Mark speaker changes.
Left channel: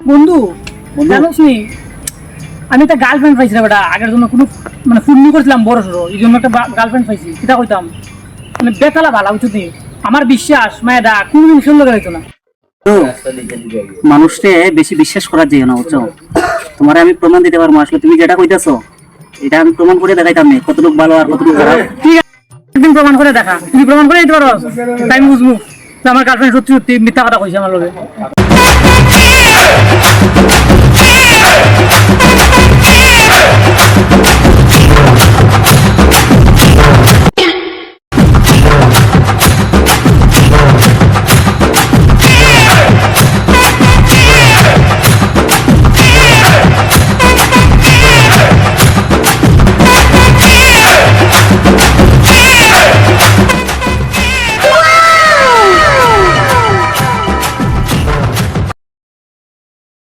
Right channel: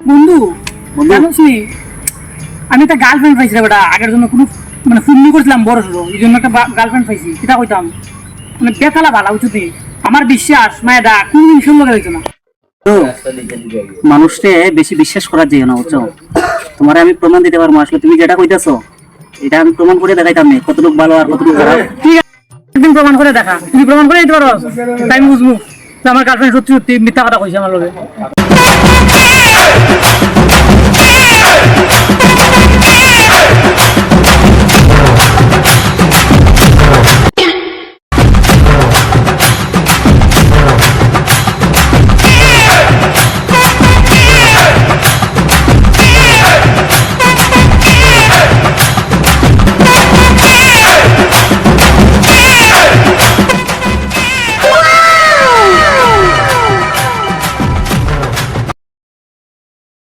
Speaker 1: বন্ধু
Speaker 2: বন্ধু?
Speaker 1: জানোস আমি একটা গার্লফ্রেন্ড পাইছিলাম ওটা আগের জন্য কোনো মানে ফুন্নি করছিলাম বড় সড়ো এই জন্য একটা গার্লফ্রেন্ড পাইছি সেটা কইতাম? মানে বেতালা ভালা উচিত নেই আমার বিশ্বাস মায়েরা কোনদিন সুন্দর হইতো না।
Speaker 2: মানুষকে বেশি বিশ্বাস করার যেও না বুঝছ? তোমার আমি প্রমাণ দিতে পারব আসলে তুমি যেটা কইতাছো এটা আমি প্রমাণ করে দেখাইতাম না কতটুকু ভালো আর কতটুকু খারাপ।
Speaker 1: ঠিক আছে একদিন প্রমাণ করে দেখা। তুমি প্রমাণ করে দিতে পারো তাই আমি বুঝব আমার গার্লফ্রেন্ড সত্যি সত্যি মিথ্যা কথা কইছে আমার লগে।